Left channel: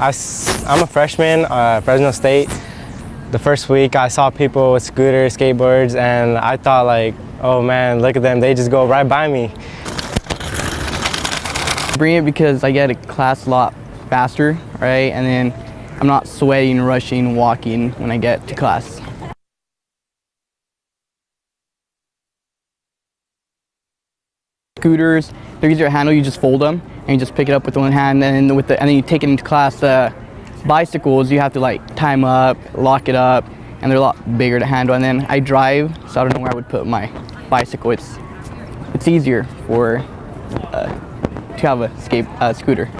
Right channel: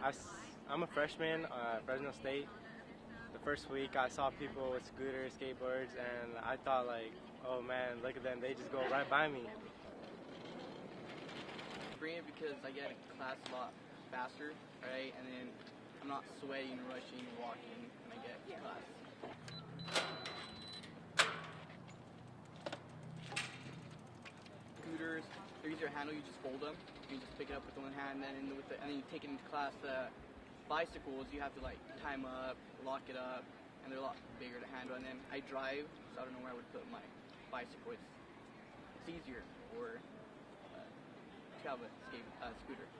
I'm a freshman at Fresno State. The first week I saw people with scooters, skateboards, and I thought like, oh man, look at them, they just go right by me. Bring it because I get to class a lot faster, right? And then I'm not sweating, rushing, walking when I get to class. Scooters, they're easier to handle. You just fold them and you just pick it up with one hand, and then you take it into class. Bicycles, you have to like tie them up, lock it up, and they're a lot bigger to handle. And then I drive, so I don't know where I would put my bicycle. It's easier to have a scooter.